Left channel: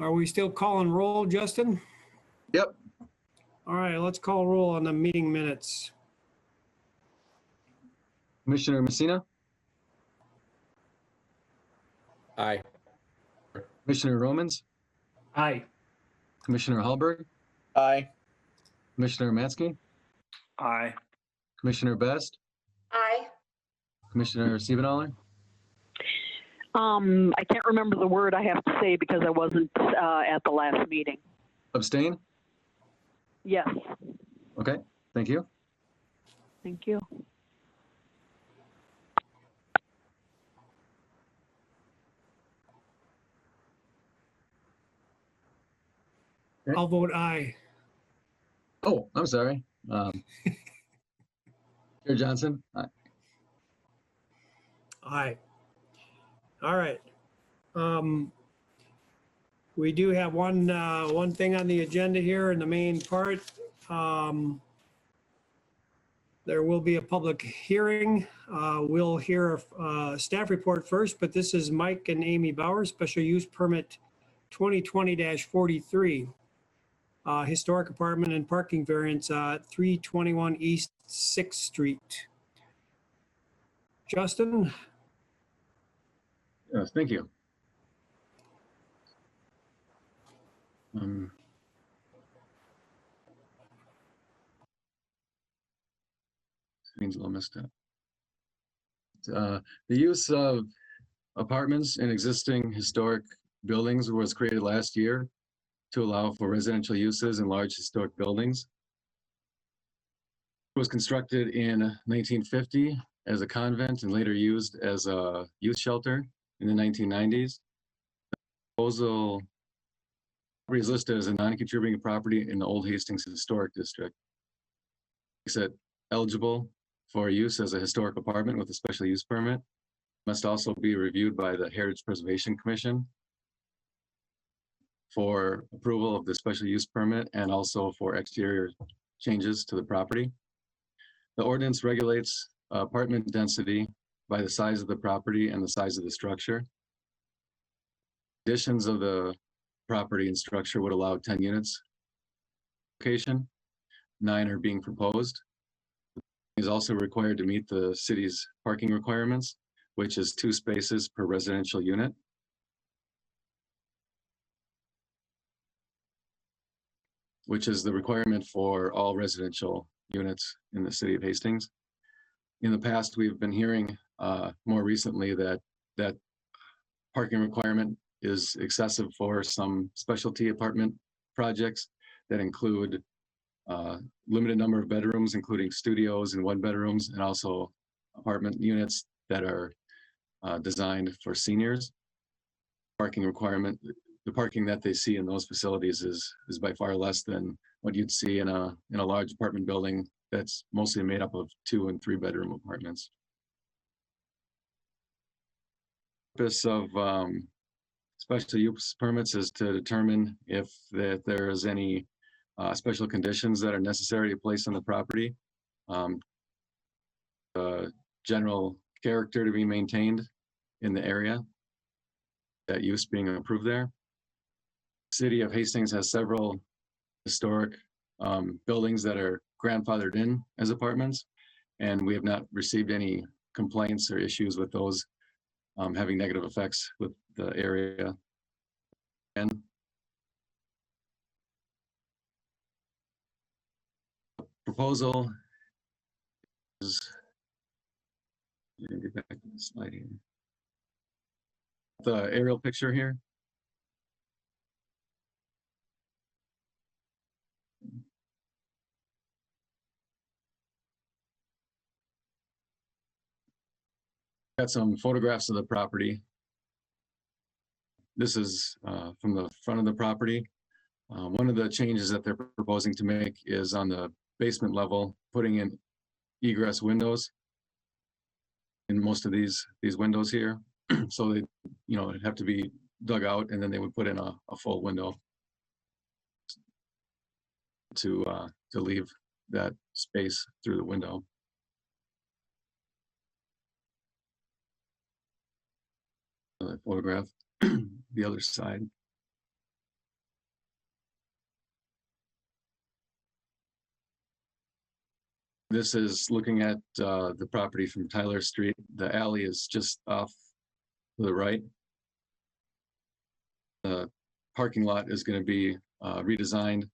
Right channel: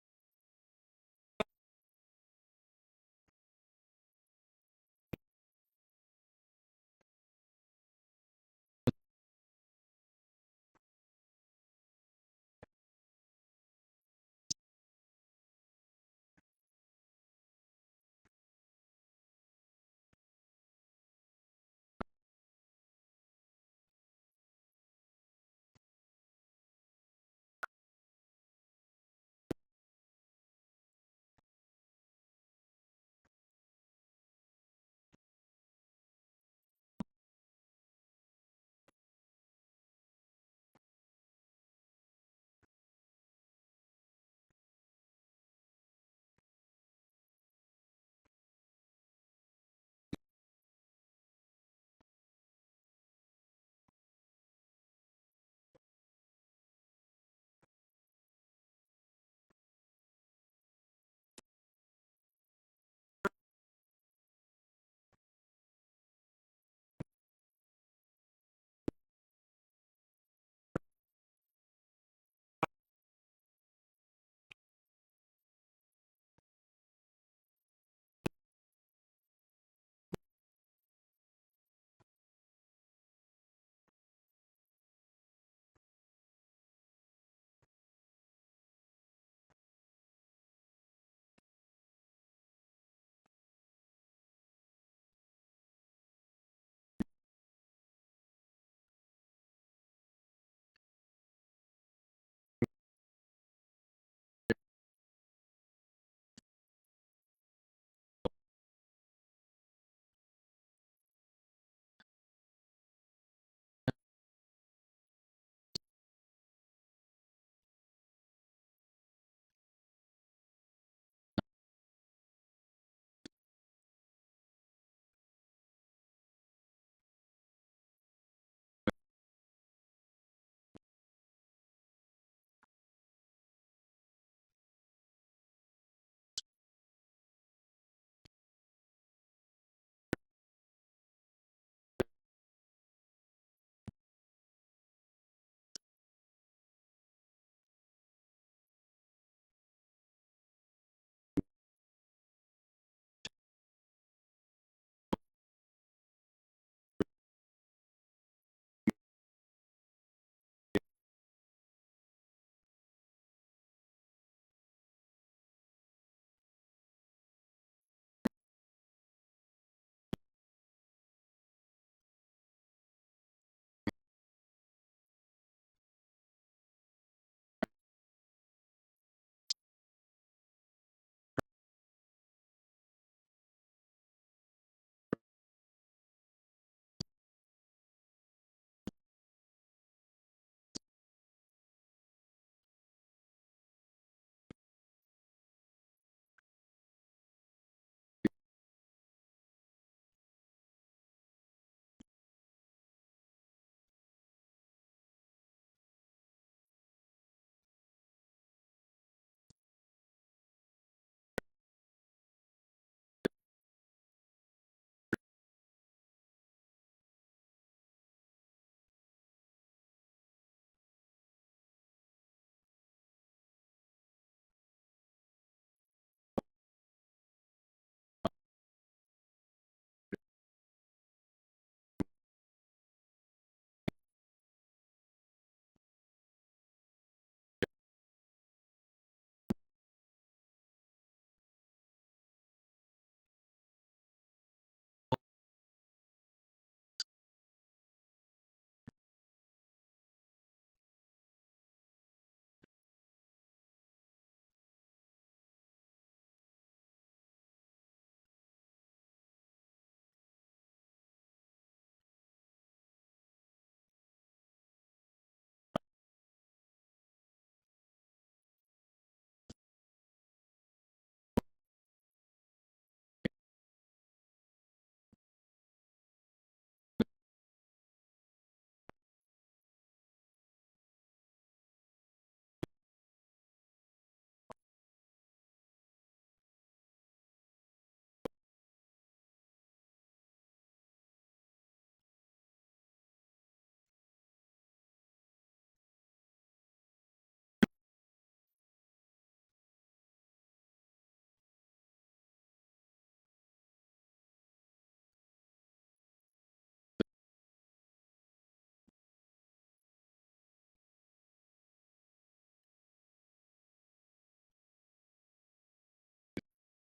Are we still calling roll, Justin? Yep. All right, let's call roll on the meeting minutes. Commissioner Messina, Aye. Commissioner Romans, Aye. Commissioner Hallberg, Aye. Commissioner Matsky, Aye. Commissioner Best, Aye. Commissioner Siebenhaler, I can't remember the word I have to say because I wasn't at the last meeting. abstain? Yes, Okay, thank you. thank you. I'll vote aye. Oh, I'm sorry. Chair Johnson, aye. Aye. All right. We do have one thing on the agenda here in the main part. There will be a public hearing. We'll hear a staff report first, but this is Mike and Amy Bauer, special use permit 2020-43. Historic apartment and parking variance, 321 East 6th Street. Justin? Yes, thank you. Screen's a little messed up. The use of apartments in existing historic buildings was created last year to allow for residential uses in large historic buildings. It was constructed in 1950 as a convent and later used as a youth shelter in the 1990s. The proposal is listed as a non-contributing property in the Old Hastings Historic District. Makes it eligible for use as a historic apartment with a special use permit. Must also be reviewed by the Heritage Preservation Commission for approval of the special use permit and also for exterior changes to the property. The ordinance regulates apartment density by the size of the property and the size of the structure. Additions of the property and structure would allow 10 units. Location, 9 are being proposed. Is also required to meet the city's parking requirements, which is 2 spaces per residential unit. Which is the requirement for all residential units in the city of Hastings. In the past, we've been hearing more recently that parking requirement is excessive for some specialty apartment projects that include limited number of bedrooms, including studios and 1-bedrooms, and also apartment units that are designed for seniors. Parking requirement, the parking that they see in those facilities is by far less than what you'd see in a large apartment building that's mostly made up of 2- and 3-bedroom apartments. The purpose of special use permits is to determine if there is any special conditions that are necessary to place on the property. General character to be maintained in the area, that use being approved there. City of Hastings has several historic buildings that are grandfathered in as apartments, and we have not received any complaints or issues with those having negative effects with the area. And proposal is, get back to the slide here. The aerial picture here. Got some photographs of the property. This is from the front of the property. One of the changes that they're proposing to make is on the basement level, putting in egress windows in most of these windows here. So they, it'd have to be dug out, and then they would put in a full window to leave that space through the window. Photograph the other side. This is looking at the property from Tyler Street. The alley is just off to the right. The parking lot is going to be redesigned.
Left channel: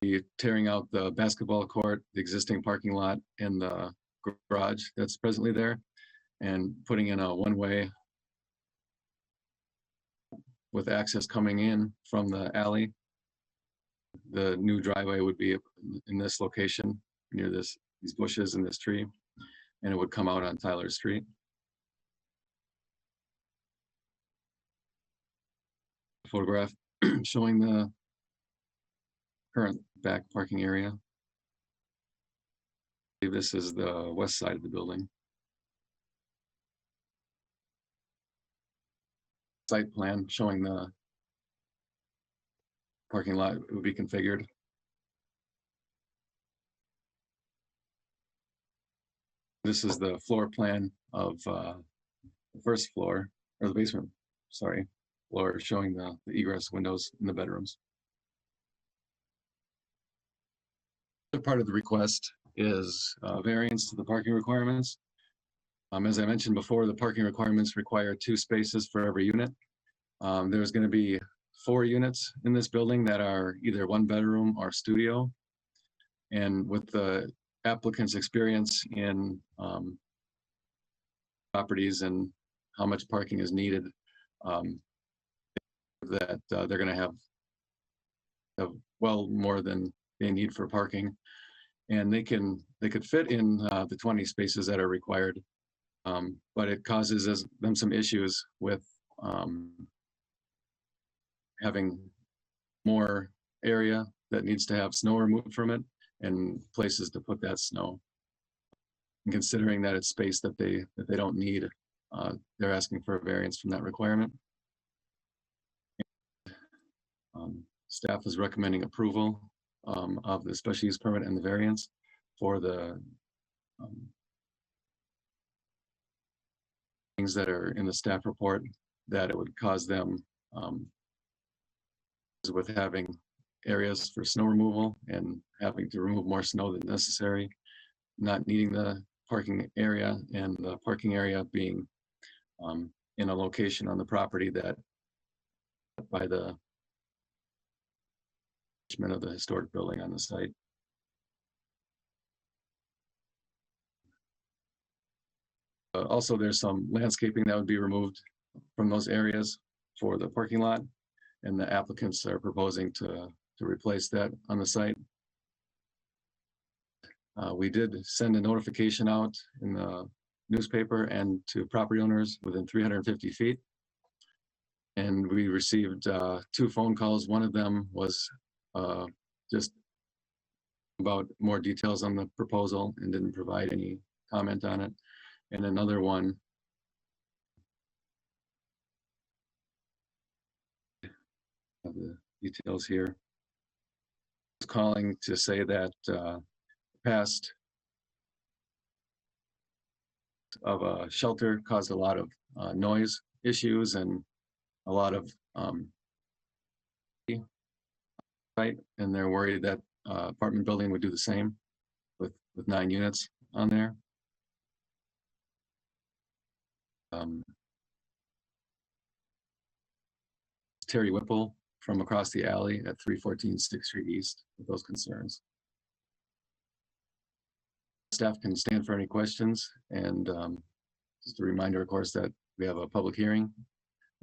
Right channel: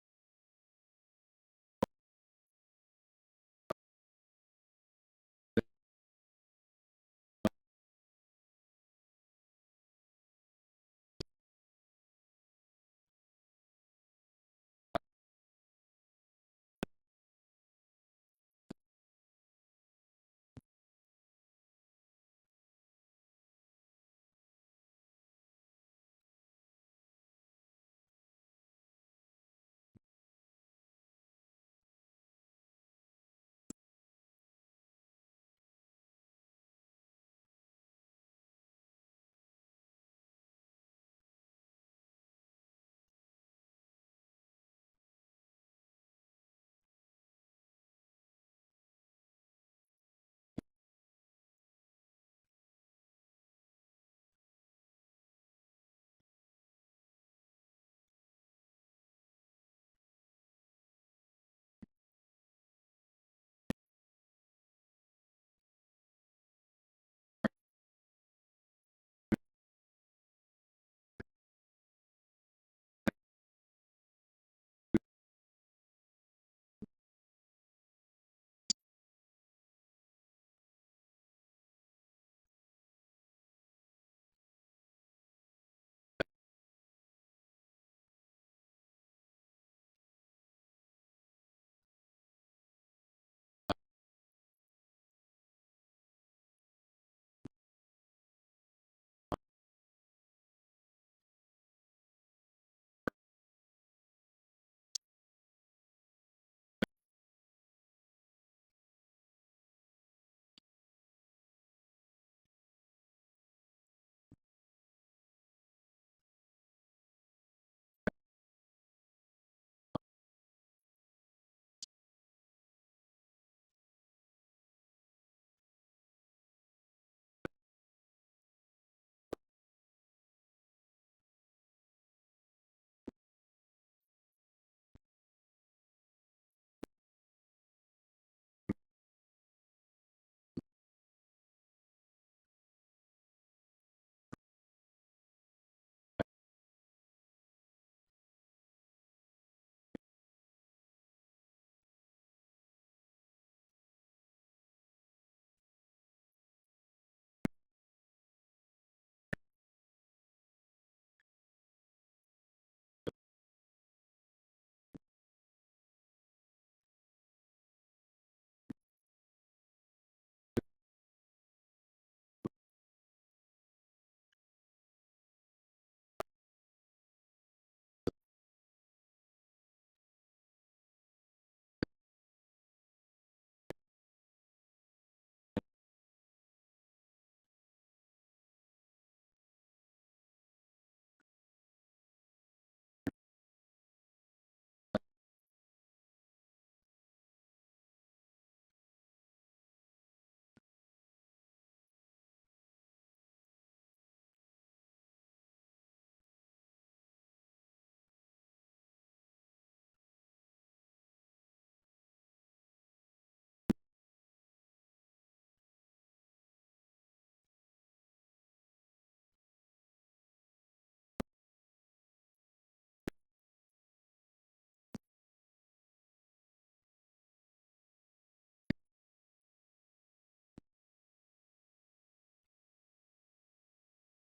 Be tearing out the basketball court, the existing parking lot, and the garage that's presently there, and putting in a one-way with access coming in from the alley. The new driveway would be in this location near these bushes and this tree, and it would come out on Tyler Street. Photograph showing the current back parking area. This is the west side of the building. Site plan showing the parking lot would be configured. This is the floor plan of the first floor, or the basement, sorry, floor, showing the egress windows in the bedrooms. The part of the request is variance to the parking requirements. As I mentioned before, the parking requirements require 2 spaces for every unit. There's going to be 4 units in this building that are either 1 bedroom or studio. And with the applicant's experience in properties and how much parking is needed, that they're going to have well more than they need for parking, and they could fit in the 20 spaces that are required, but it causes them some issues with having more area that needs to have snow removed from it and places to put that snow. And considering that it's space that they don't need, they're asking for a variance from that requirement. Staff is recommending approval of the special use permit and the variance for the things that are in the staff report, that it would cause them with having areas for snow removal and having to remove more snow than necessary, not needing the parking area, and the parking area being in a location on the property that by the of the historic building on the site. Also, there's some landscaping that would be removed from those areas for the parking lot, and the applicants are proposing to replace that on the site. We did send a notification out in the newspaper and to property owners within 350 feet. And we received 2 phone calls. One of them was just about more details on the proposal and didn't provide any comment on it. And another one of the details here was calling to say that past of a shelter caused a lot of noise issues and a lot of right, and they're worried that apartment building would do the same with 9 units on there. Terry Whipple from across the alley at 314 6th Street East with those concerns. Staff can stand for any questions, and just a reminder, of course, that we have a public hearing,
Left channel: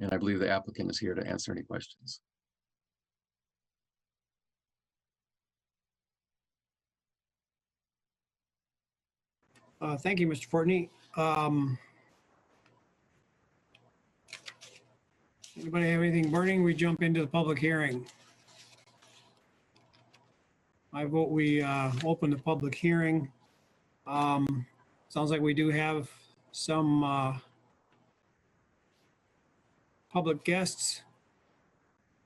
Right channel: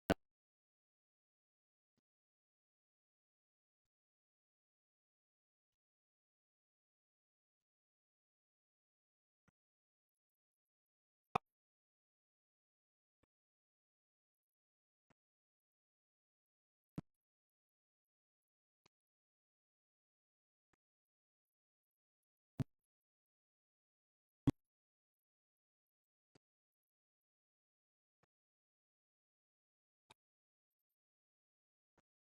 and I believe the applicant is here to answer any questions. Thank you, Mr. Fortney. Anybody have anything burning? We jump into the public hearing. I vote we open the public hearing. Sounds like we do have some public guests.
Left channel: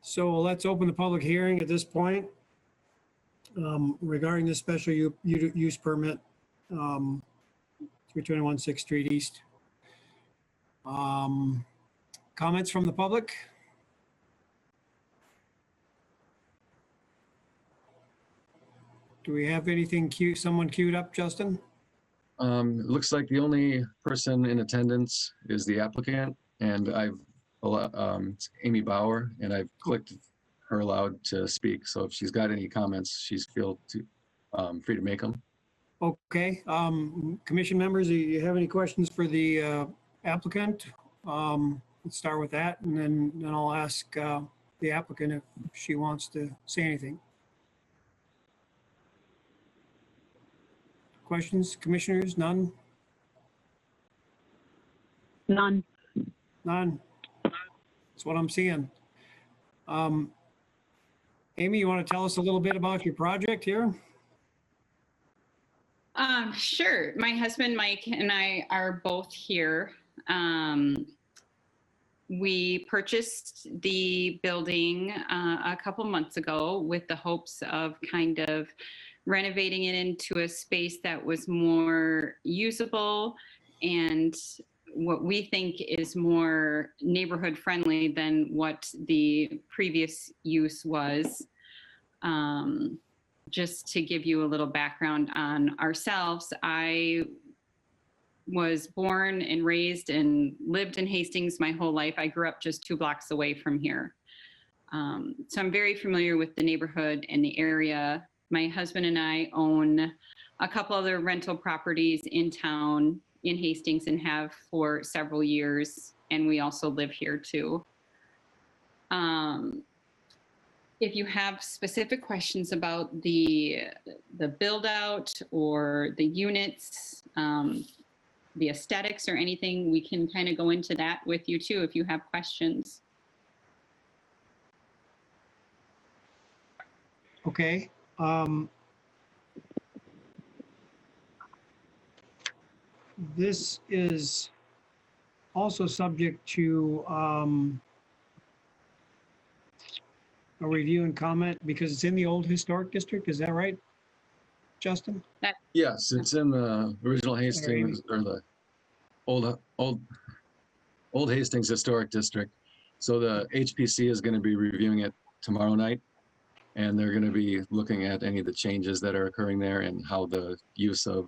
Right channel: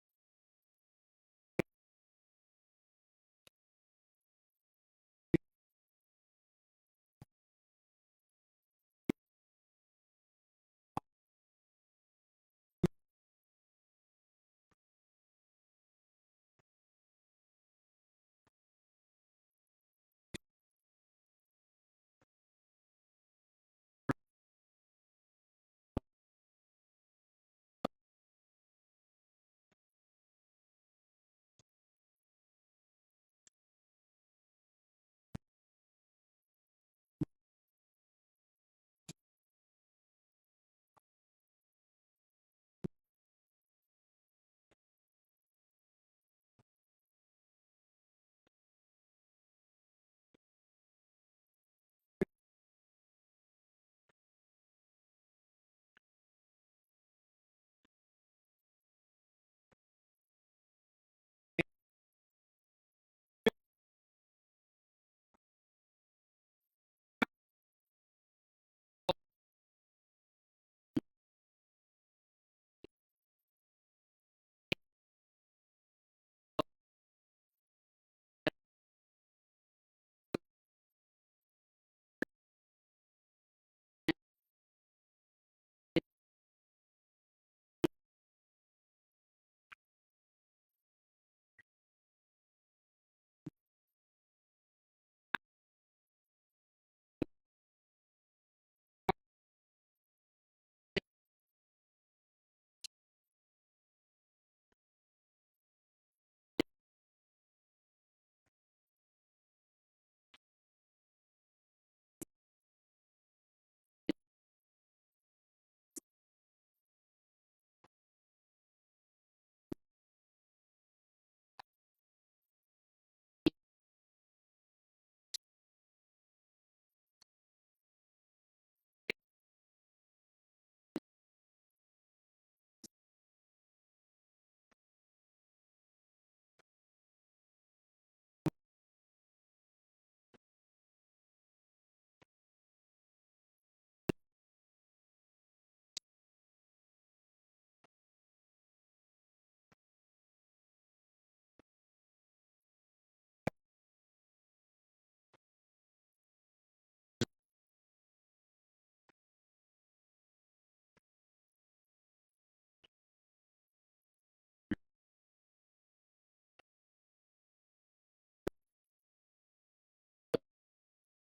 So let's open the public hearing at this point regarding the special use permit, 321 6th Street East. Comments from the public? Do Do we have anything someone queued up, Justin? It looks like the only person in attendance is the applicant, and it's Amy Bauer, and I've clicked her allowed to speak. So if she's got any comments, she's free to make them. Okay, commission members, do you have any questions for the applicant? Let's start with that, and then I'll ask the applicant if she wants to say anything. Questions, commissioners? None? None. None? That's what I'm seeing. Amy, you want to tell us a little bit about your project here? Sure. My husband, Mike, and I are both here. We purchased the building a couple months ago with the hopes of kind of renovating it into a space that was more usable and what we think is more neighborhood friendly than what the previous use was. Just to give you a little background on ourselves, I was born and raised and lived in Hastings my whole life. I grew up just 2 blocks away from here. So I'm very familiar with the neighborhood and the area. My husband and I own a couple other rental properties in town in Hastings and have for several years. And we also live here too. If you have specific questions about the build out or the units, the aesthetics or anything, we can kind of go into that with you too if you have questions. Okay. This is also subject to a review and comment because it's in the old historic district. Is that right, Justin? Yes, it's in the original Hastings or the old Hastings Historic District. So the HPC is going to be reviewing it tomorrow night, and they're going to be looking at any of the changes that are occurring there and how the use of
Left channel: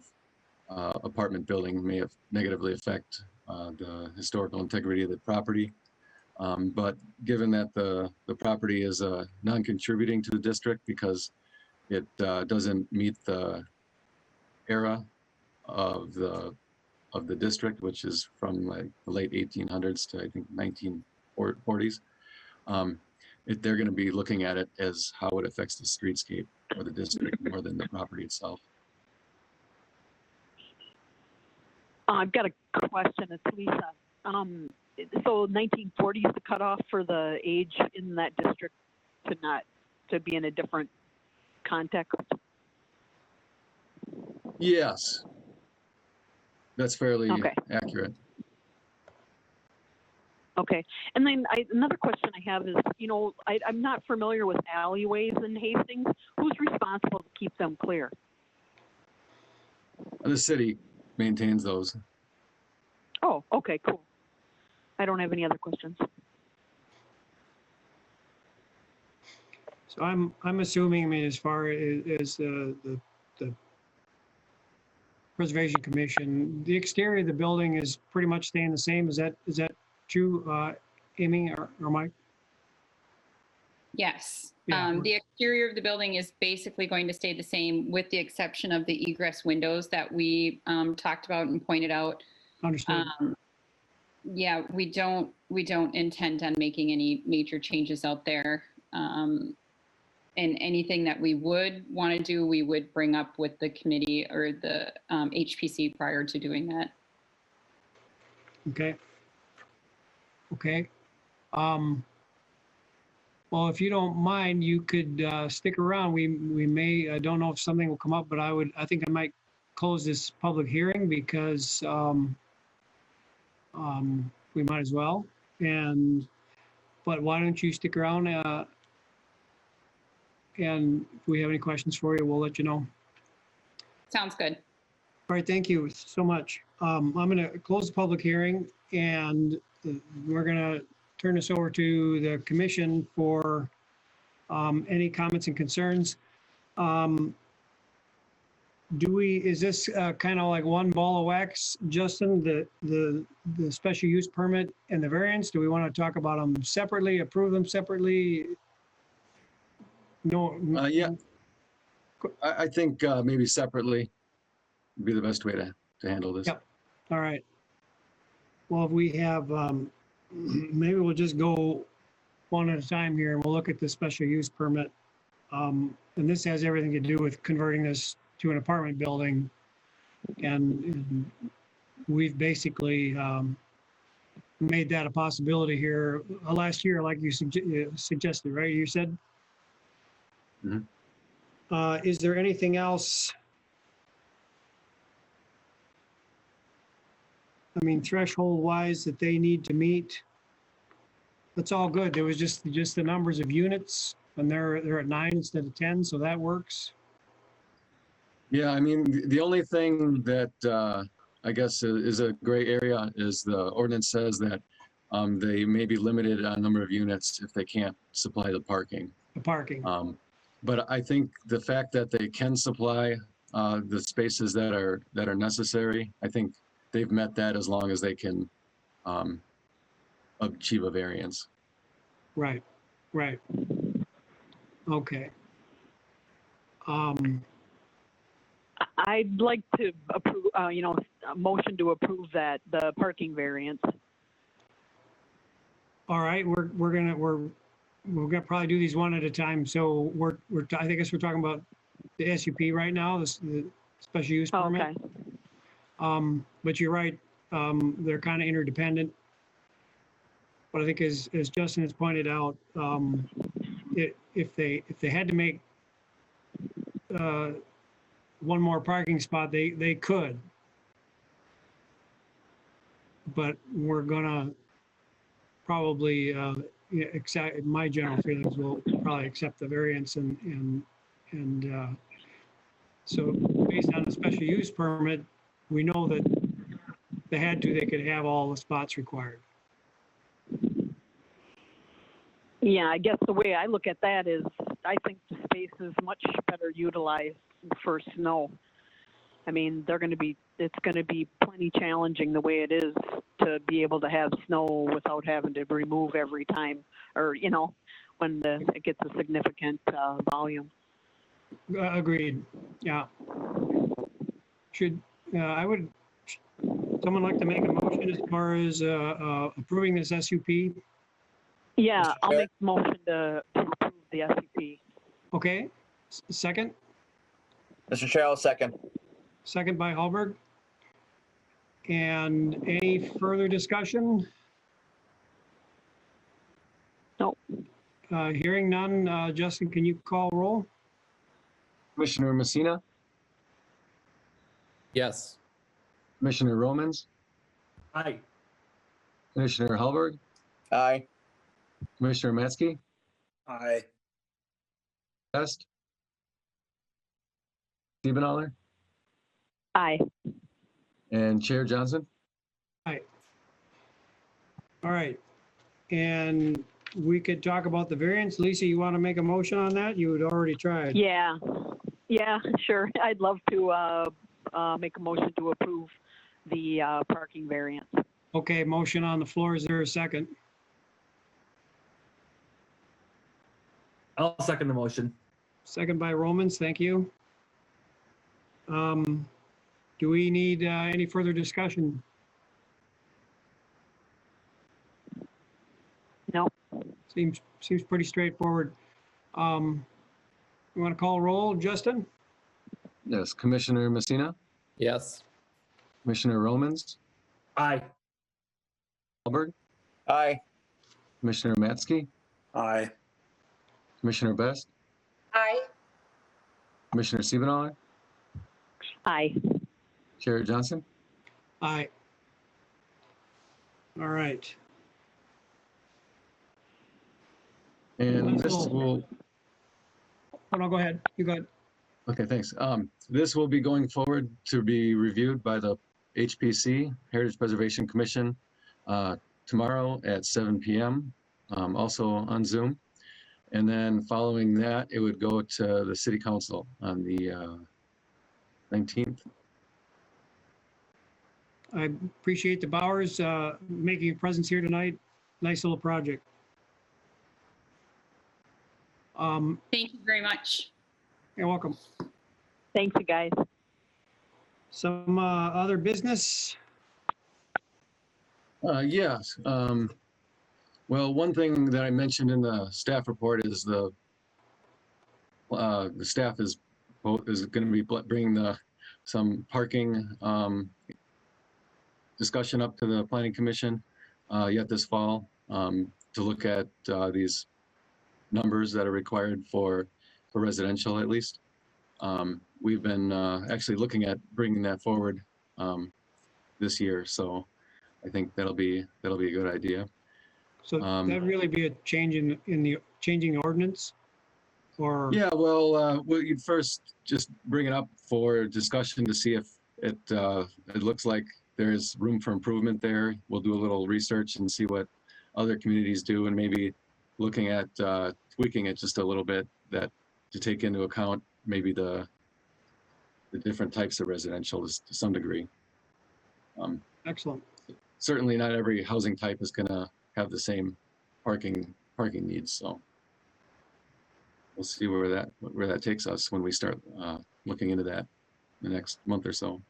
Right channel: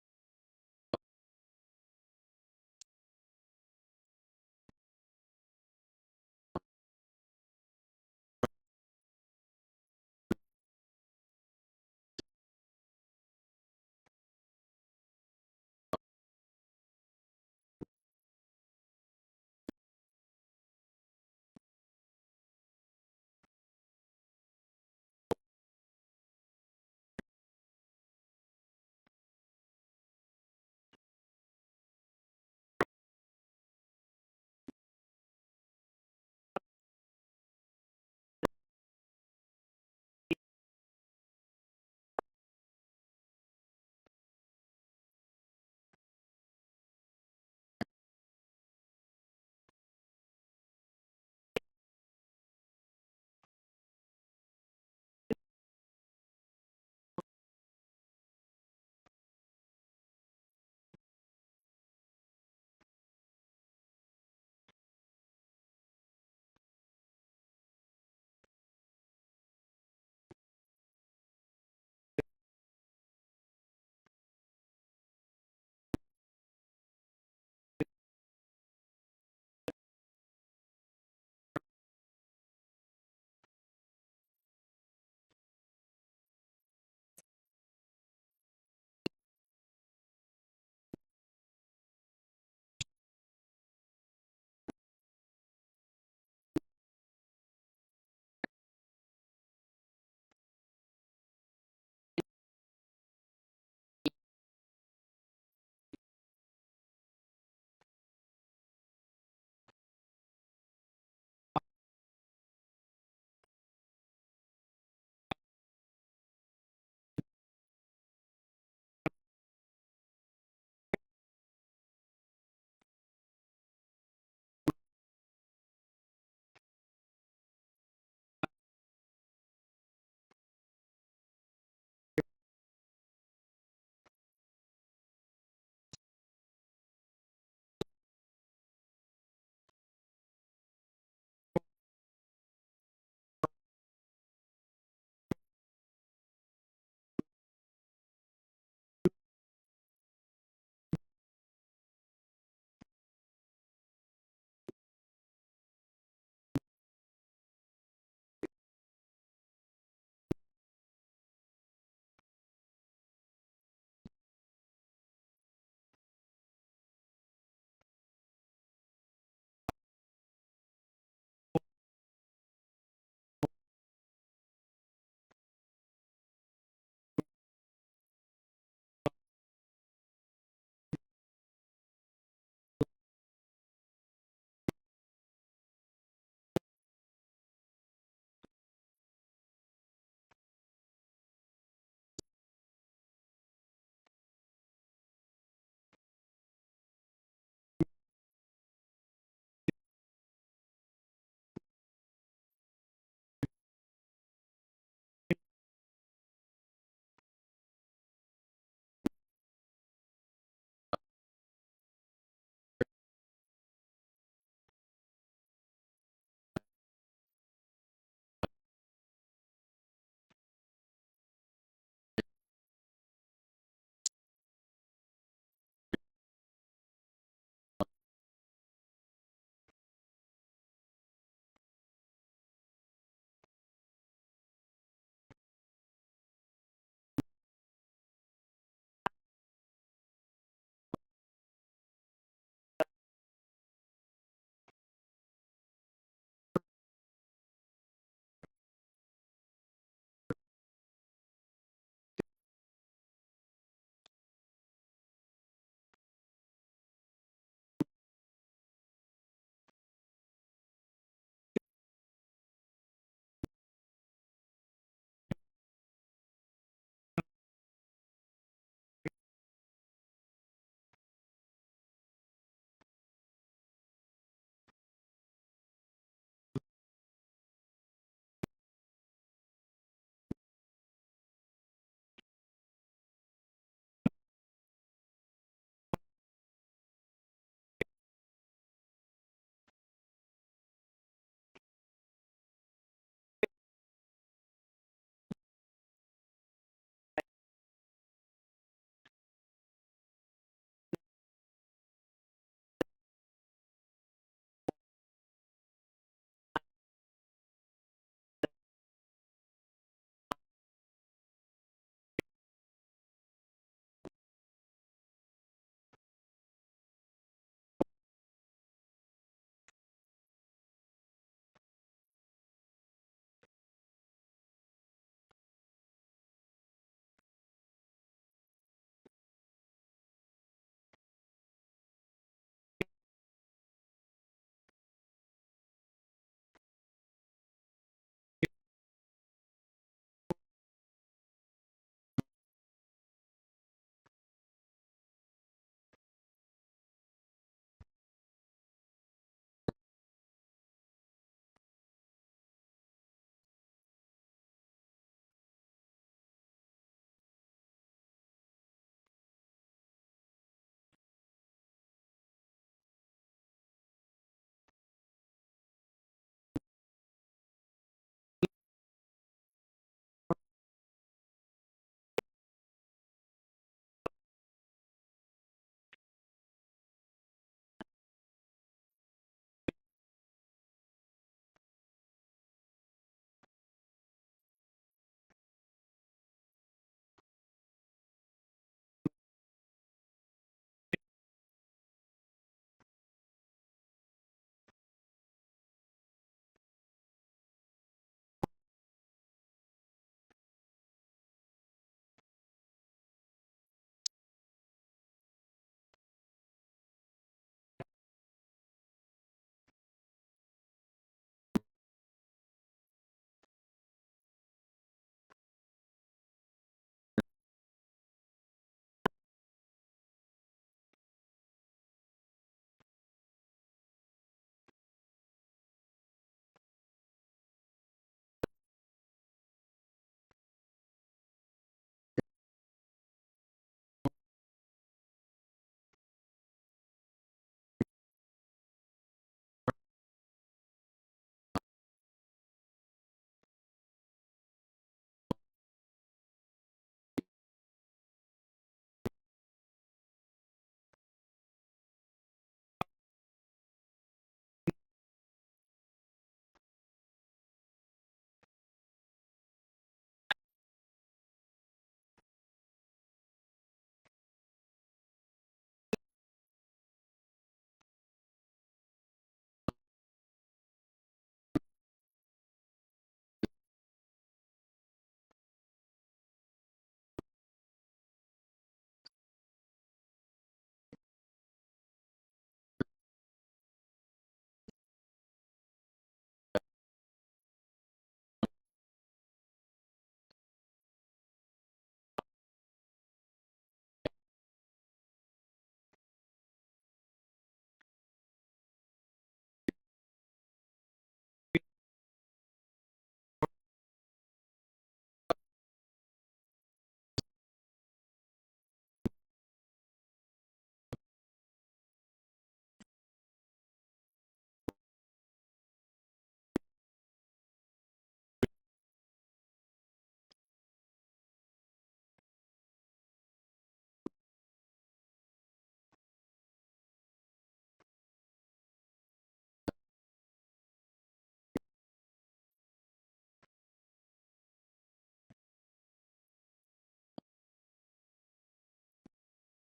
apartment building may have negatively affect the historical integrity of the property. But given that the property is non-contributing to the district because it doesn't meet the era of the district, which is from like the late 1800s to I think 1940s, they're going to be looking at it as how it affects the streetscape or the district more than the property itself. I've got a question. It's Lisa. So 1940 is the cutoff for the age in that district to be in a different context? Yes, that's fairly Okay. accurate. Okay. And then another question I have is, I'm not familiar with alleyways in Hastings. Who's responsible to keep them clear? The city maintains those. Oh, okay, cool. I don't have any other questions. So I'm assuming, I mean, as far as the Preservation Commission, the exterior of the building is pretty much staying the same. Is that true, Amy or Mike? Yes. Yeah. The exterior of the building is basically going to stay the same with the exception of the egress windows that we talked about and pointed out. Understood. Yeah, we don't intend on making any major changes out there. And anything that we would want to do, we would bring up with the committee or the HPC prior to doing that. Okay. Okay. Well, if you don't mind, you could stick around. We may, I don't know if something will come up, but I think I might close this public hearing because we might as well. But why don't you stick around? And if we have any questions for you, we'll let you know. Sounds good. All right, thank you so much. I'm going to close the public hearing and we're going to turn this over to the commission for any comments and concerns. is this kind of like one ball of wax, Justin, the special use permit and the variance? Do we want to talk about them separately, approve them separately? No. Yeah. I think maybe separately would be the best way to handle this. Yep. All right. Well, if we have, maybe we'll just go one at a time here and we'll look at the special use permit. And this has everything to do with converting this to an apartment building. And we've basically made that a possibility here last year, like you suggested, right? You said? Mhm. Is there anything else? I mean, threshold wise that they need to meet? That's all good. There was just the numbers of units and they're at 9 instead of 10, so that works. Yeah, I mean, the only thing that I guess is a gray area is the ordinance says that they may be limited on number of units if they can't supply the parking. The parking. But I think the fact that they can supply the spaces that are necessary, I think they've met that as long as they can achieve a variance. Right, right. Okay. I'd like to approve, a motion to approve that, the parking variance. All right, we're gonna probably do these one at a time. So I think we're talking about the SUP right now, the special use Oh, permit. okay. But you're right, they're kind of interdependent. But I think as Justin has pointed out, if they had to make one more parking spot, they could. But we're gonna probably, my general feelings will probably accept the variance and so based on the special use permit, we know that they could have all the spots required. Yeah, I guess the way I look at that is I think the space is much better utilized for snow. I mean, it's going to be plenty challenging the way it is to be able to have snow without having to remove every time or, when it gets a significant volume. Agreed, yeah. Someone like to make a motion as far as approving this SUP? Yeah, Mr. I'll Chair? make the motion to approve the SUP. Okay, second? Mr. Chair, I'll second. Second by Hallberg. And any further discussion? No. Hearing none, Justin, can you call roll? Commissioner Messina, Yes. Commissioner Romans, Aye. Commissioner Hallberg, Aye. Commissioner Matzke, Aye. Best, Siebenthaler, Aye. and Chair Johnson. All right. And we could talk about the variance. Lisa, you want to make a motion on that? You had already tried. Yeah, sure. I'd love to make a motion to approve the parking variance. Okay, motion on the floor. Is there a second? I'll second the motion. Second by Romans, thank you. Do we need any further discussion? No. Seems pretty straightforward. You want to call roll, Justin? Yes, Commissioner Messina, Yes. Commissioner Romans, Aye. Hallberg, Aye. Commissioner Matzke, Aye. Commissioner Best, Aye. Commissioner Siebenthaler, Aye. Chair Johnson. Aye. All right. And this will, Oh, no, go ahead. You go ahead. okay, thanks. This will be going forward to be reviewed by the HPC, Heritage Preservation Commission, tomorrow at 7 p.m., also on Zoom. And then following that, it would go to the City Council on the 19th. I appreciate the Bauers making a presence here tonight. Nice little project. Thank you very much. You're welcome. Thanks, you guys. Some other business? Yes. Well, one thing that I mentioned in the staff report is the staff is going to be bringing some parking discussion up to the Planning Commission yet this fall to look at these numbers that are required for residential at least. We've been actually looking at bringing that forward this year, so I think that'll be a good idea. So that'd really be a change in the changing ordinance, or? Yeah, well, you'd first just bring it up for discussion to see if it looks like there's room for improvement there. We'll do a little research and see what other communities do, and maybe looking at tweaking it just a little bit, that to take into account maybe the different types of residential to some degree. Excellent. Certainly not every housing type is going to have the same parking needs, so we'll see where that takes us when we start looking into that in the next month or so.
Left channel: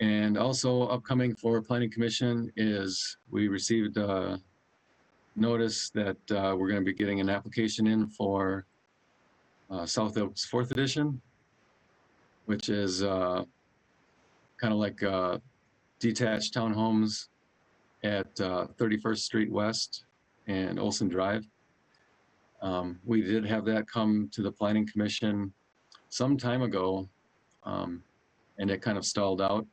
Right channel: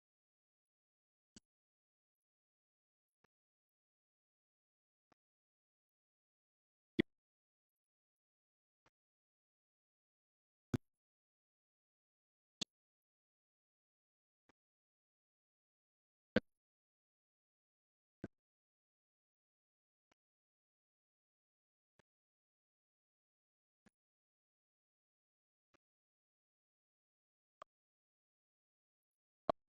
And also upcoming for Planning Commission is we received a notice that we're going to be getting an application in for South Oaks 4th Edition, which is kind of like detached townhomes at 31st Street West and Olson Drive. We did have that come to the Planning Commission some time ago, and it kind of stalled out.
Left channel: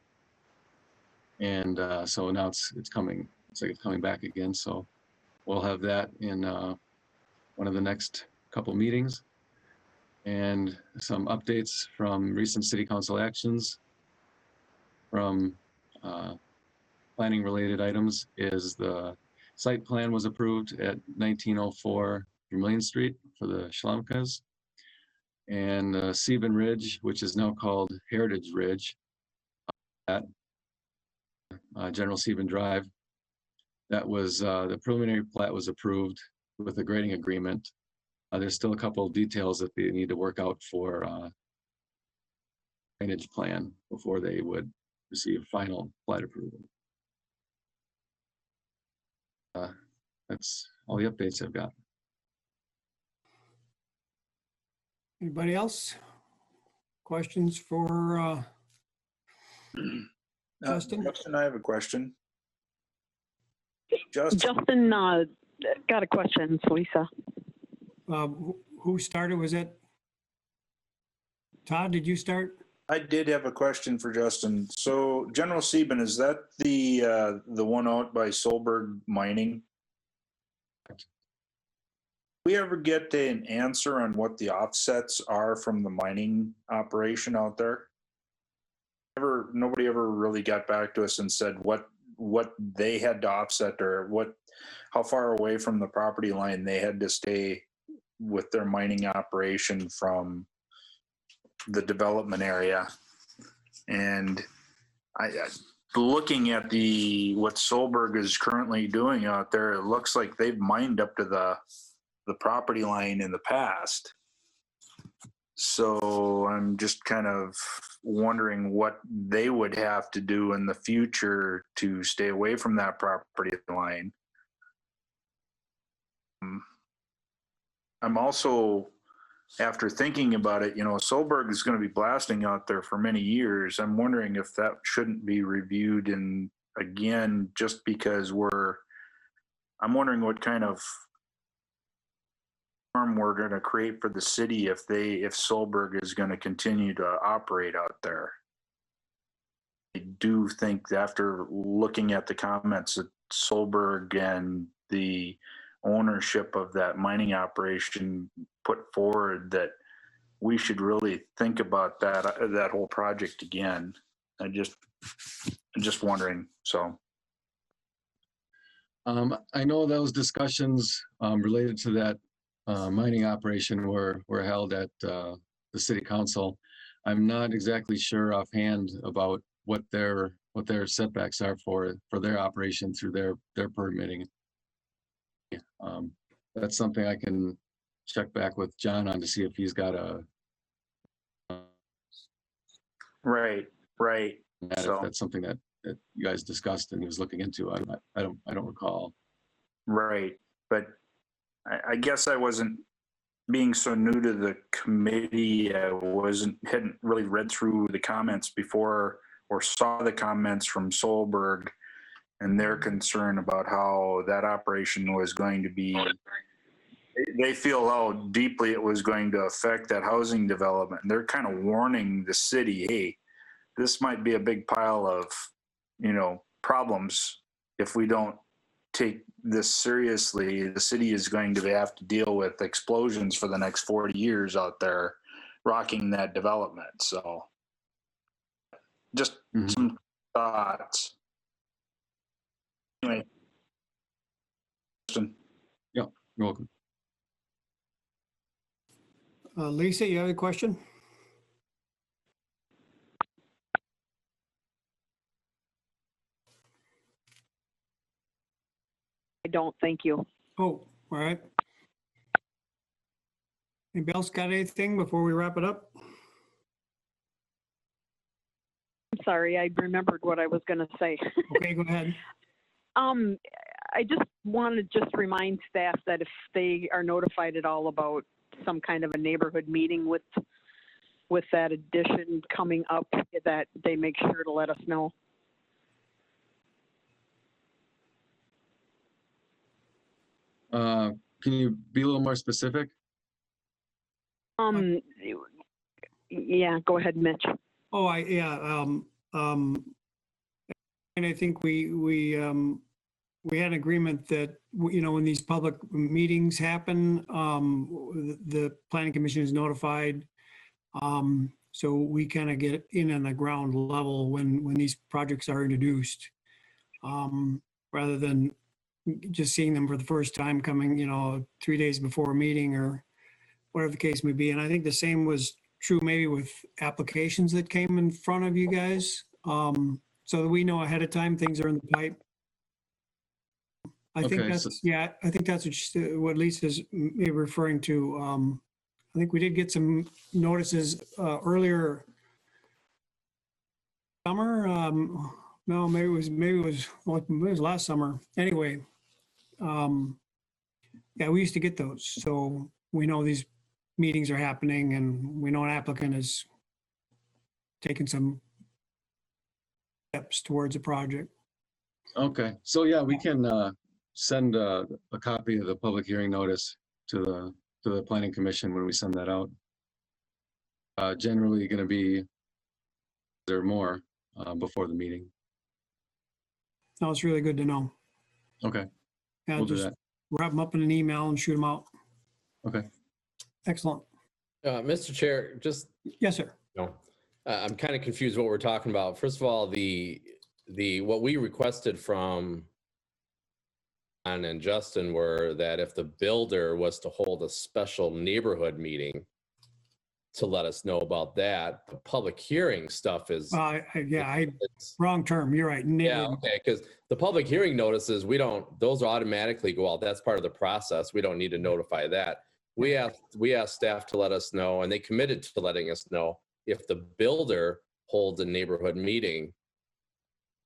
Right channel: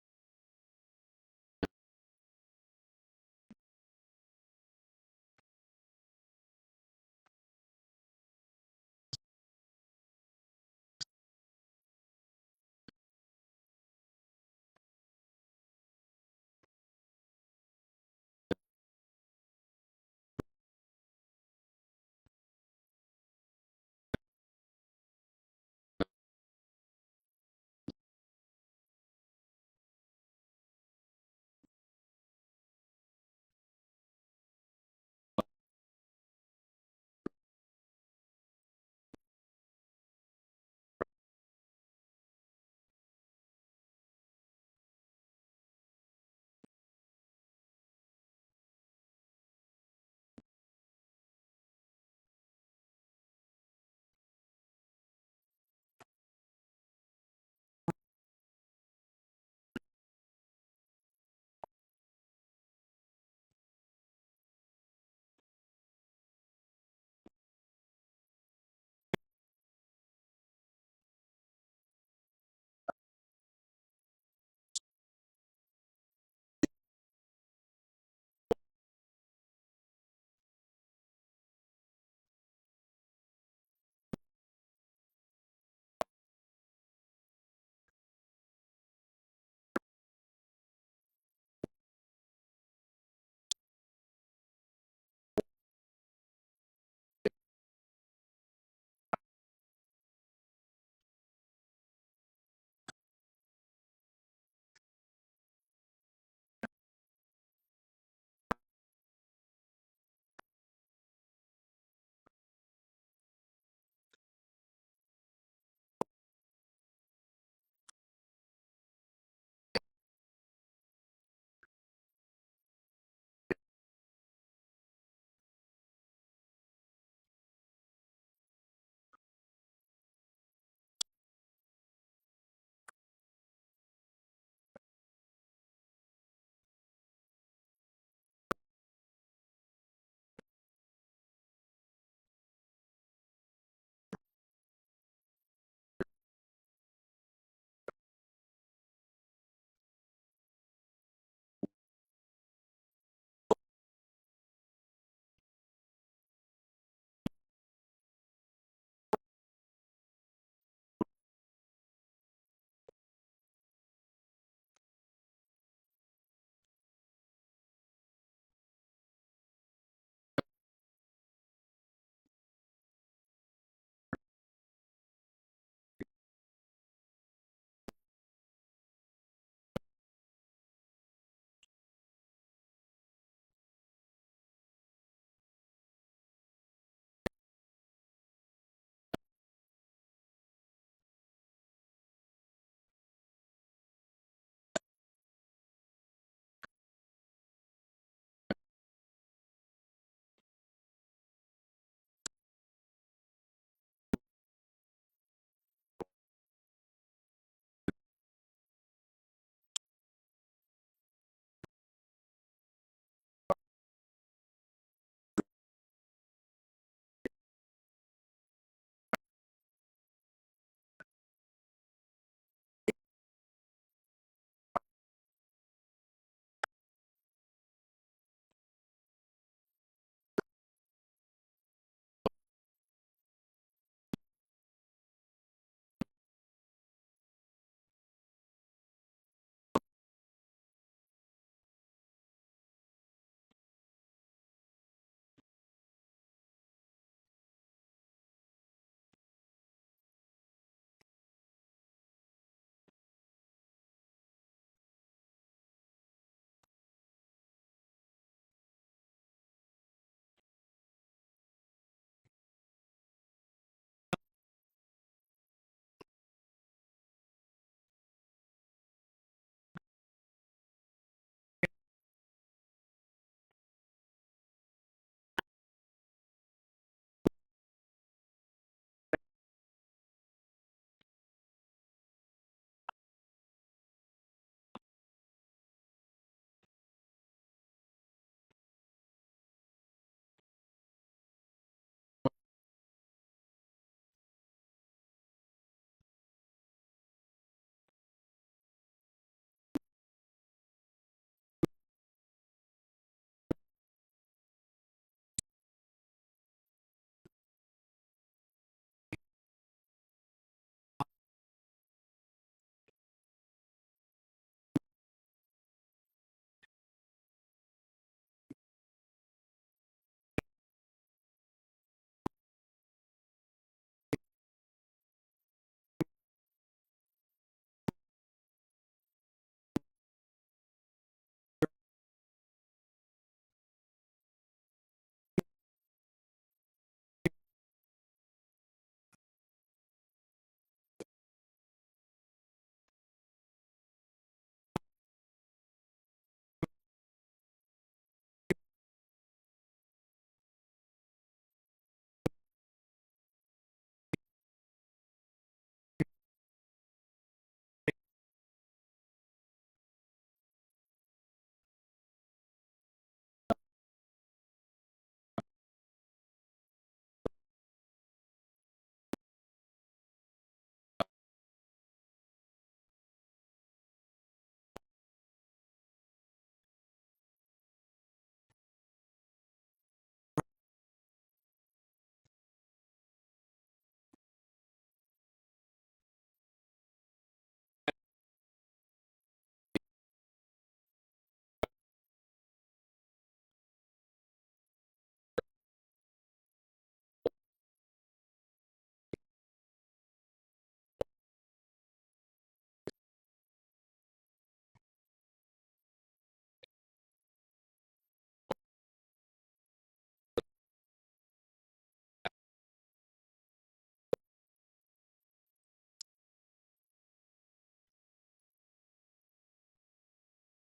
And so now it's coming. It's like it's coming back again. So we'll have that in one of the next couple meetings. And some updates from recent City Council actions from planning related items is the site plan was approved at 1904 Vermilion Street for the Schlamkas, and Sieben Ridge, which is now called Heritage Ridge at General Sieben Drive. That was the preliminary plat was approved with a grading agreement. There's still a couple of details that they need to work out for drainage plan before they would receive final plat approval. That's all the updates I've got. Anybody else? Questions for Justin? Justin, I have a question. Justin, Justin, got a question, it's Lisa. Who started? Was it Todd? Did you start? I did have a question for Justin. So General Sieben, is that the one out by Solberg Mining? We ever get an answer on what the offsets are from the mining operation out there? Nobody ever really got back to us and said what they had to offset, or how far away from the property line they had to stay with their mining operation from the development area. And looking at what Solberg is currently doing out there, it looks like they've mined up to the property line in the past. So I'm just kind of wondering what they would have to do in the future to stay away from that property line. I'm also, after thinking about it, Solberg is going to be blasting out there for many years. I'm wondering if that shouldn't be reviewed, and again, just because I'm wondering what kind of harm we're going to create for the city if Solberg is going to continue to operate out there. I do think that after looking at the comments that Solberg and the ownership of that mining operation put forward, that we should really think about that whole project again. I'm just wondering. So I know those discussions related to that mining operation were held at the city council. I'm not exactly sure offhand about what their setbacks are for their operation through their permitting. That's something I can check back with John on to see if he's got Right, right. if So, that's something that you guys discussed and he was looking into. I don't recall. right. But I guess I wasn't being so new to the committee. Hadn't really read through the comments before or saw the comments from Solberg and their concern about how that operation was going to be. They feel how deeply it was going to affect that housing development. And they're kind of warning the city, hey, this might be a big pile of, problems if we don't take this seriously. The city is going to have to deal with explosions for the next 40 years out there, rocking that development. So just some thoughts. Anyway. Yeah, you're welcome. Lisa, you have a question? I don't, thank you. Oh, all right. Anybody else got anything before we wrap it up? I'm sorry, I remembered what I was gonna say. Okay, go ahead. I just want to just remind staff that if they are notified at all about some kind of a neighborhood meeting with that addition coming up, that they make sure to let us know. Can you be a little more specific? Yeah, go ahead, Mitch. Oh, and I think we had an agreement that, when these public meetings happen, the planning commission is notified. So we kind of get in on the ground level when these projects are introduced, rather than just seeing them for the first time coming, 3 days before a meeting or whatever the case may be. And I think the same was true maybe with applications that came in front of you guys. So that we know ahead of time, things are in the pipe. I think Okay, that's, I think that's what Lisa's maybe referring to. I think we did get some notices earlier summer. No, maybe it was last summer. Anyway, yeah, we used to get those. So we know these meetings are happening and we know an applicant is taking some steps towards a project. Okay, so yeah, we can send a copy of the public hearing notice to the planning commission when we send that out. Generally going to be there more before the meeting. No, it's really good to know. Okay, Yeah, we'll do just that. wrap them up in an email and shoot them out. Okay. Excellent. Mr. Chair, just, Yes, sir. I'm kind of confused what we're talking about. First of all, what we requested from Ann and Justin were that if the builder was to hold a special neighborhood meeting to let us know about that. The public hearing stuff is. Wrong term. You're right. Yeah, okay, because the public hearing notices, those automatically go out. That's part of the process. We don't need to notify that. We asked staff to let us know, and they committed to letting us know if the builder holds a neighborhood meeting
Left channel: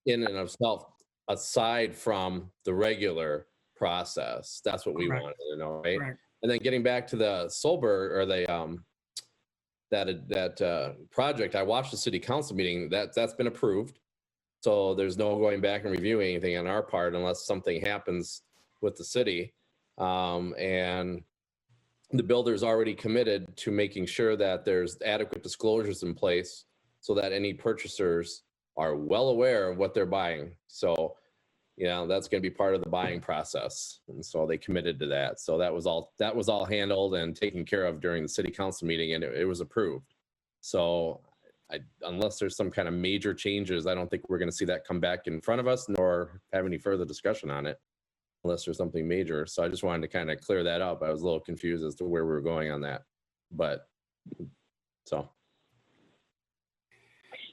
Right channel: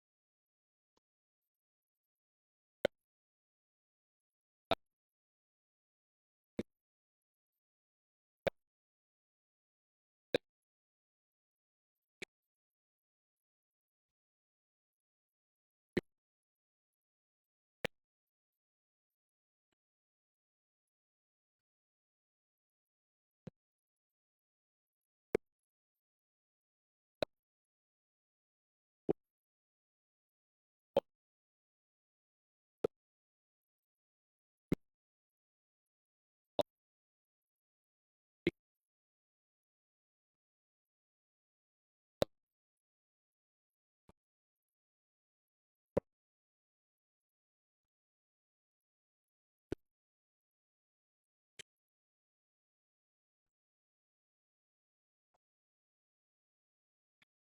in and of itself, aside from the regular process. That's what we Correct. wanted to know, right? Correct. And then getting back to the Solberg or the that project, I watched the city council meeting. That's been approved. So there's no going back and reviewing anything on our part unless something happens with the city. And the builder's already committed to making sure that there's adequate disclosures in place so that any purchasers are well aware of what they're buying. So, that's going to be part of the buying process. And so they committed to that. So that was all handled and taken care of during the city council meeting, and it was approved. So unless there's some kind of major changes, I don't think we're going to see that come back in front of us nor have any further discussion on it unless there's something major. So I just wanted to kind of clear that up. I was a little confused as to where we were going on that, but so.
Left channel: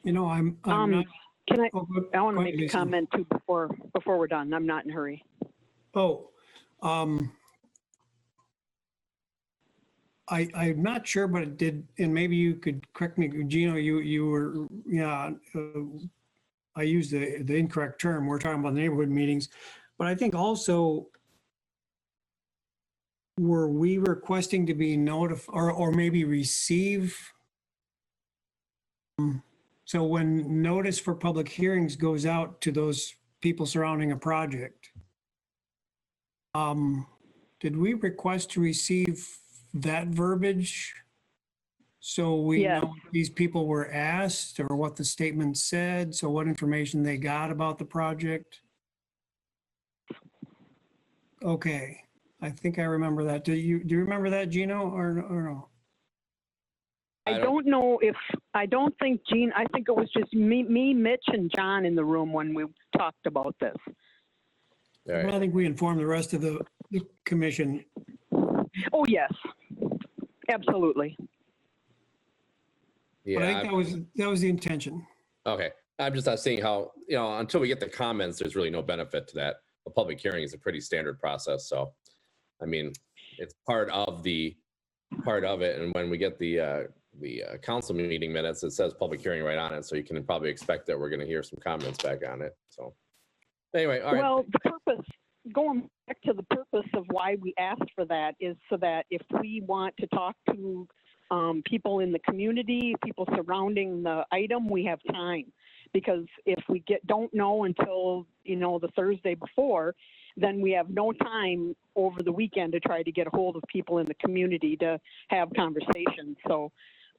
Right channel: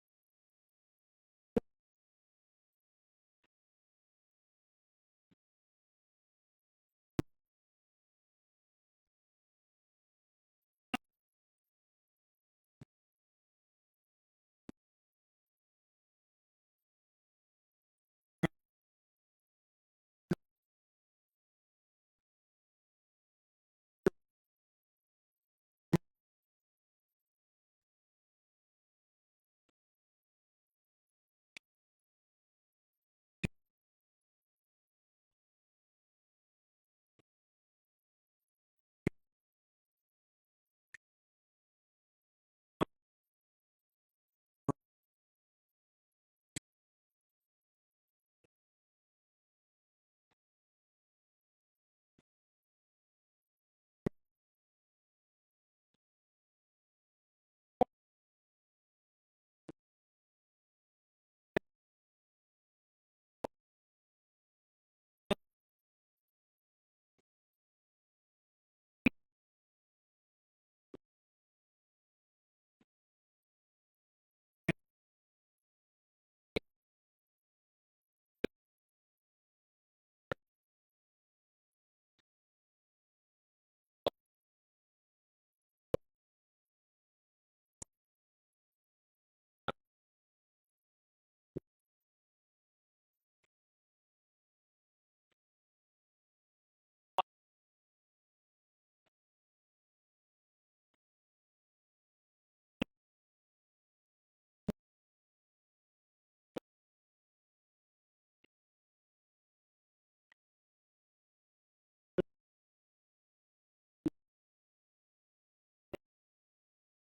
You know, I'm Um, not. Can I, Oh, I want go to ahead, make a Lisa. comment too before we're done. I'm not in a hurry. Oh, I'm not sure, but it did, and maybe you could correct me, Gino, you were, yeah, I used the incorrect term. We're talking about neighborhood meetings, but I think also, were we requesting to be notified or maybe receive? So when notice for public hearings goes out to those people surrounding a project, did we request to receive that verbiage? So we Yes. know what these people were asked or what the statement said, so what information they got about the project? Okay, I think I remember that. Do you remember that, Gino, or no? I don't know if, I don't think Gene, I think it was just me, Mitch, and John in the room when we talked about this. All Well, I right. think we informed the rest of the commission. Oh, yes. Absolutely. But I Yeah. think that was the intention. Okay. I'm just not seeing how, until we get the comments, there's really no benefit to that. A public hearing is a pretty standard process. So, I mean, it's part of it. And when we get the council meeting minutes, it says public hearing right on it. So you can probably expect that we're going to hear some comments back on it. So anyway, all right. Well, the purpose, going back to the purpose of why we asked for that is so that if we want to talk to people in the community, people surrounding the item, we have time. Because if we don't know until, the Thursday before, then we have no time over the weekend to try to get a hold of people in the community to have conversations. So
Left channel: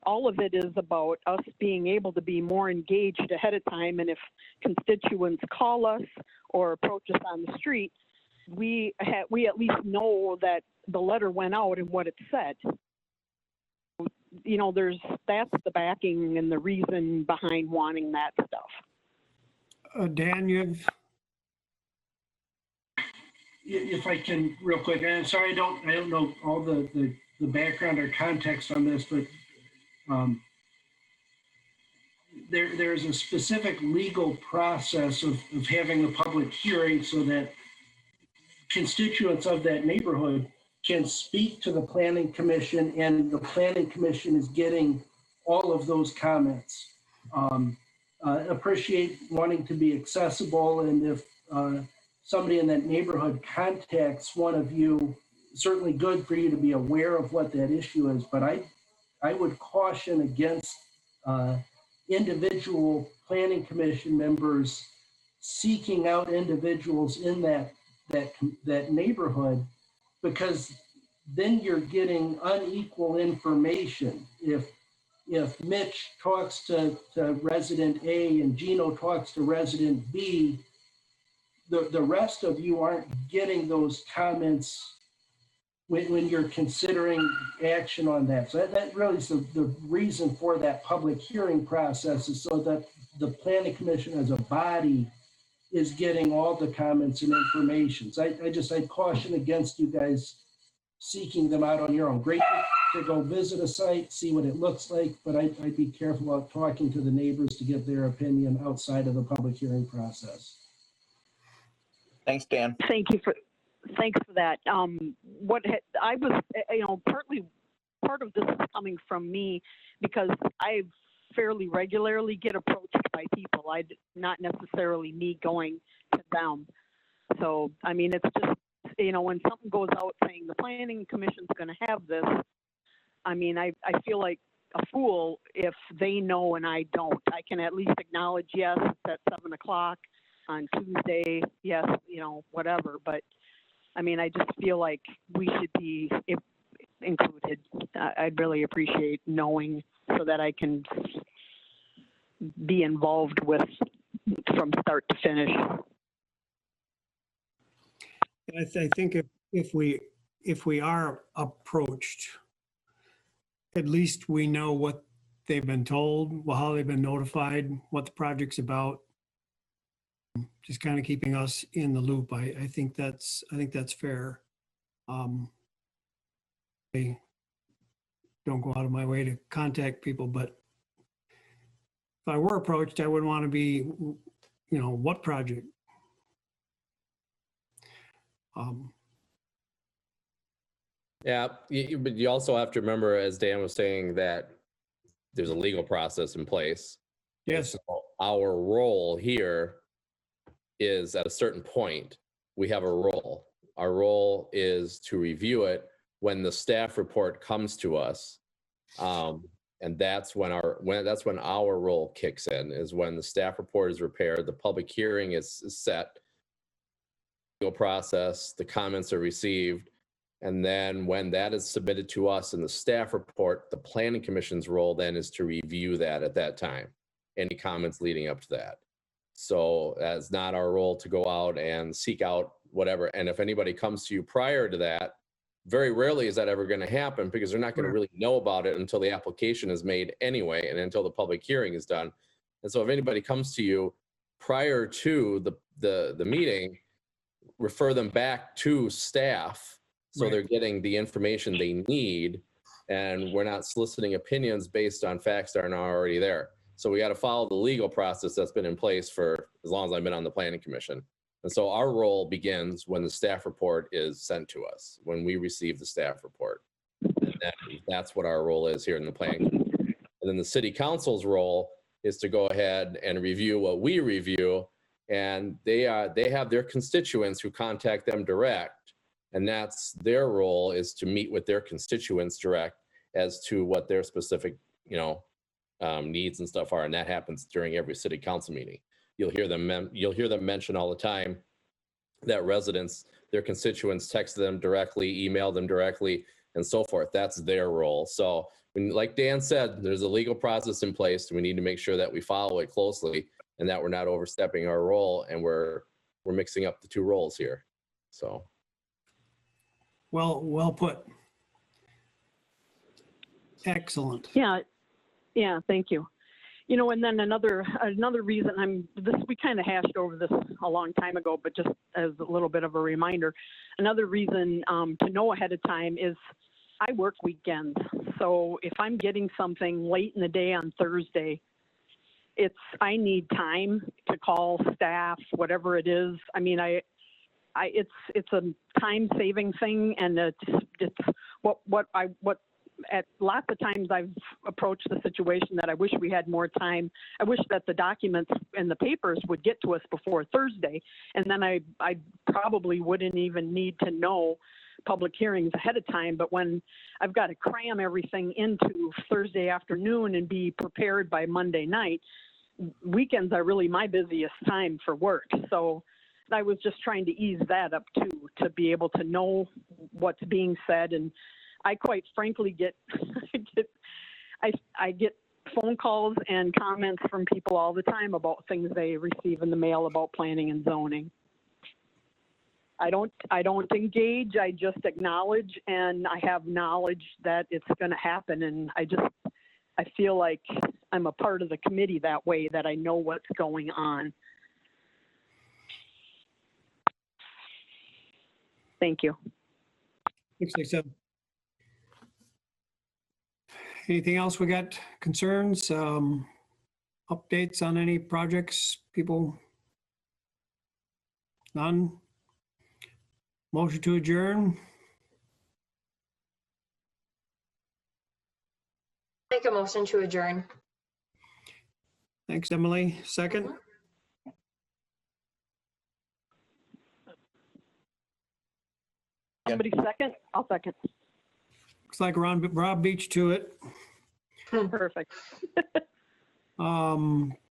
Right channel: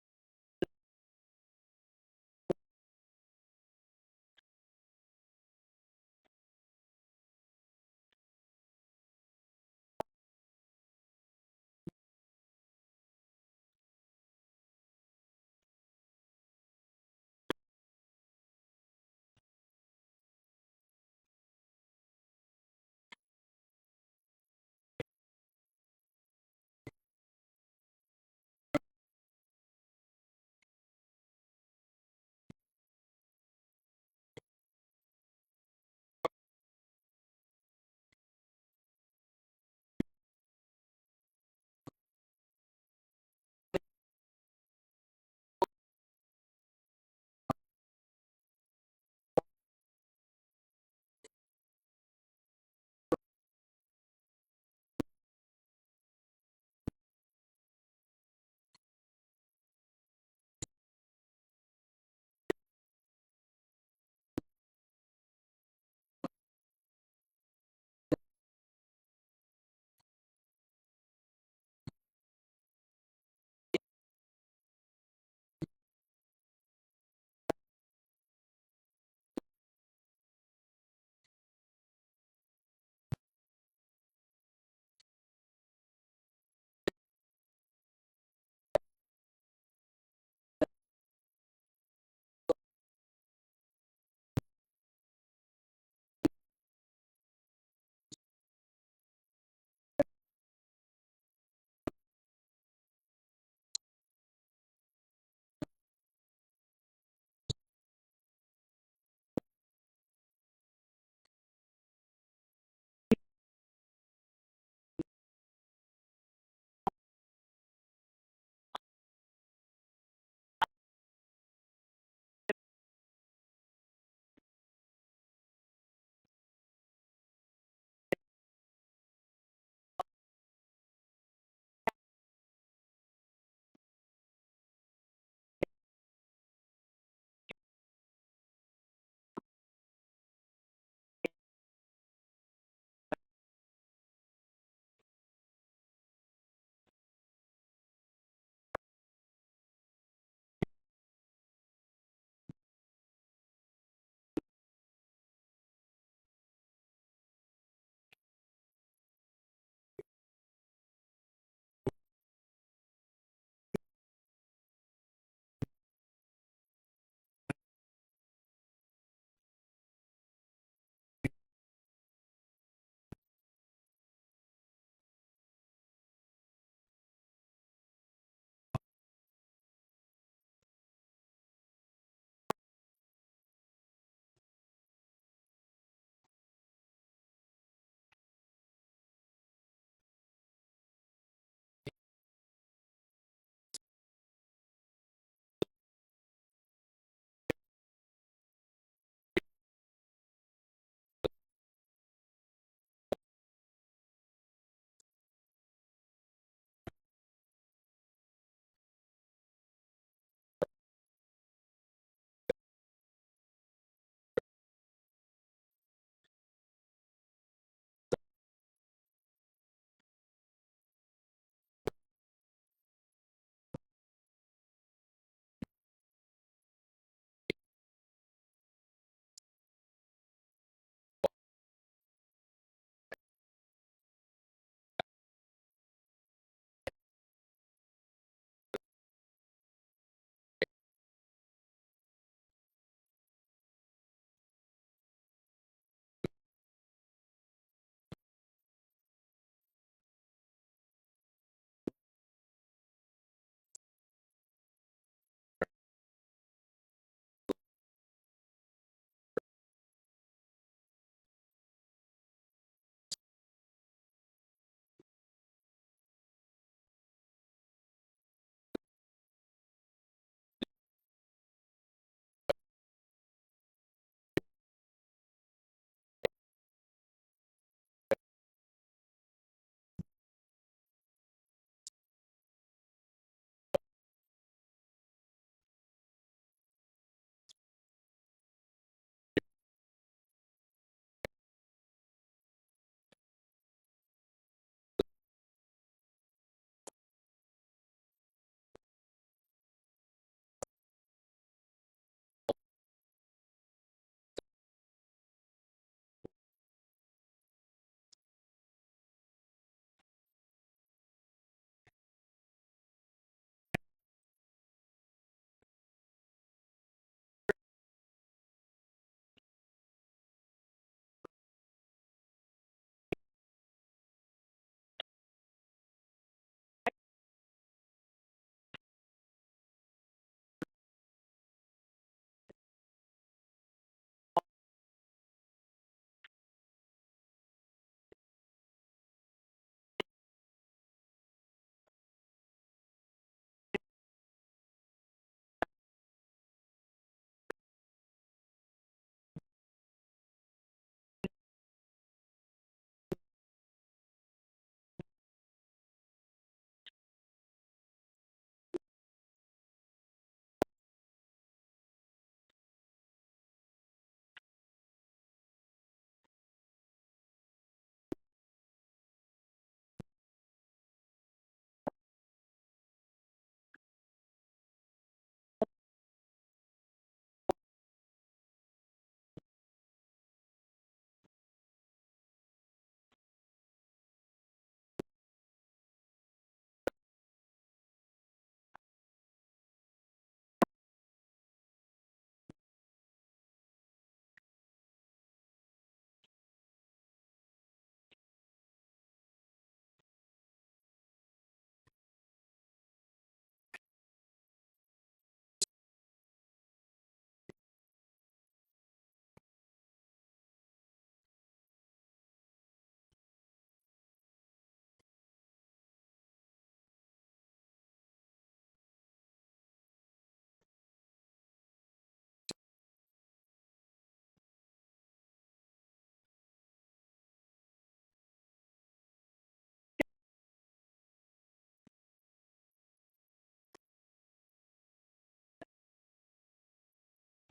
all of it is about us being able to be more engaged ahead of time. And if constituents call us or approach us on the street, we at least know that the letter went out and what it said. That's the backing and the reason behind wanting that stuff. Dan, you have, If I can, real quick, and I'm sorry, I don't know all the background or context on this, but there's a specific legal process of having a public hearing so that constituents of that neighborhood can speak to the planning commission, and the planning commission is getting all of those comments. Appreciate wanting to be accessible, and if somebody in that neighborhood contacts one of you, certainly good for you to be aware of what that issue is, but I would caution against individual planning commission members seeking out individuals in that neighborhood, because then you're getting unequal information. If Mitch talks to resident A and Gino talks to resident B, the rest of you aren't getting those comments when you're considering action on that. So that really is the reason for that public hearing process, is so that the planning commission as a body is getting all the comments and information. So I'd caution against you guys seeking them out on your own. Great to go visit a site, see what it looks like, but I'd be careful about talking to the neighbors to get their opinion outside of the public hearing process. Thanks, Dan. Thanks for that. I was, part of this is coming from me because I fairly regularly get approached by people. Not necessarily me going to them. So, I mean, it's just, when something goes out saying the planning commission's going to have this, I mean, I feel like a fool if they know and I don't. I can at least acknowledge, yes, it's at 7 o'clock on Tuesday, yes, whatever. But I mean, I just feel like we should be included. I'd really appreciate knowing so that I can be involved with from start to finish. I think if we are approached, at least we know what they've been told, how they've been notified, what the project's about. Just kind of keeping us in the loop. I think that's fair. I don't go out of my way to contact people, but if I were approached, I would want to be, what project? Yeah, but you also have to remember, as Dan was saying, that there's a legal process in place. Yes, So our role here is at a certain point, we have a role. Our role is to review it when the staff report comes to us. And that's when our role kicks in, is when the staff report is prepared, the public hearing is set, legal process, the comments are received. And then when that is submitted to us in the staff report, the planning commission's role then is to review that at that time, any comments leading up to that. So that's not our role to go out and seek out whatever. And if anybody comes to you prior to that, very rarely is that ever going to happen, because they're not going to really know about it until the application is made anyway, and until the public hearing is done. And so if anybody comes to you prior to the meeting, refer them back to staff, so Right. they're getting the information they need, and we're not soliciting opinions based on facts that are not already there. So we got to follow the legal process that's been in place for as long as I've been on the planning commission. And so our role begins when the staff report is sent to us, when we receive the staff report. And that's what our role is here in the planning commission. And then the city council's role is to go ahead and review what we review, and they have their constituents who contact them direct. And that's their role, is to meet with their constituents direct as to what their specific, needs and stuff are. And that happens during every city council meeting. You'll hear them mention all the time that residents, their constituents, text them directly, email them directly, and so forth. That's their role. So like Dan said, there's a legal process in place. We need to make sure that we follow it closely, and that we're not overstepping our role, and we're mixing up the two roles here. So. well put. Excellent. Yeah, thank you. And then another reason we kind of hashed over this a long time ago, but just as a little bit of a reminder, another reason to know ahead of time is I work weekends. So if I'm getting something late in the day on Thursday, I need time to call staff, whatever it is. I mean, it's a time saving thing, and it's what at lots of times I've approached the situation that I wish we had more time. I wish that the documents and the papers would get to us before Thursday, and then I probably wouldn't even need to know public hearings ahead of time. But when I've got to cram everything into Thursday afternoon and be prepared by Monday night, weekends are really my busiest time for work. So I was just trying to ease that up too, to be able to know what's being said. And I quite frankly I get phone calls and comments from people all the time about things they receive in the mail about planning and zoning. I don't engage, I just acknowledge, and I have knowledge that it's going to happen. And I feel like I'm a part of the committee that way, that I know what's going on. Thank you. Thanks, Lisa. Anything else? We got concerns, updates on any projects, people? None? Motion to adjourn? Make a motion to adjourn. Thanks, Emily. Second? Somebody second? I'll second. Looks like Rob beat you to it. Perfect.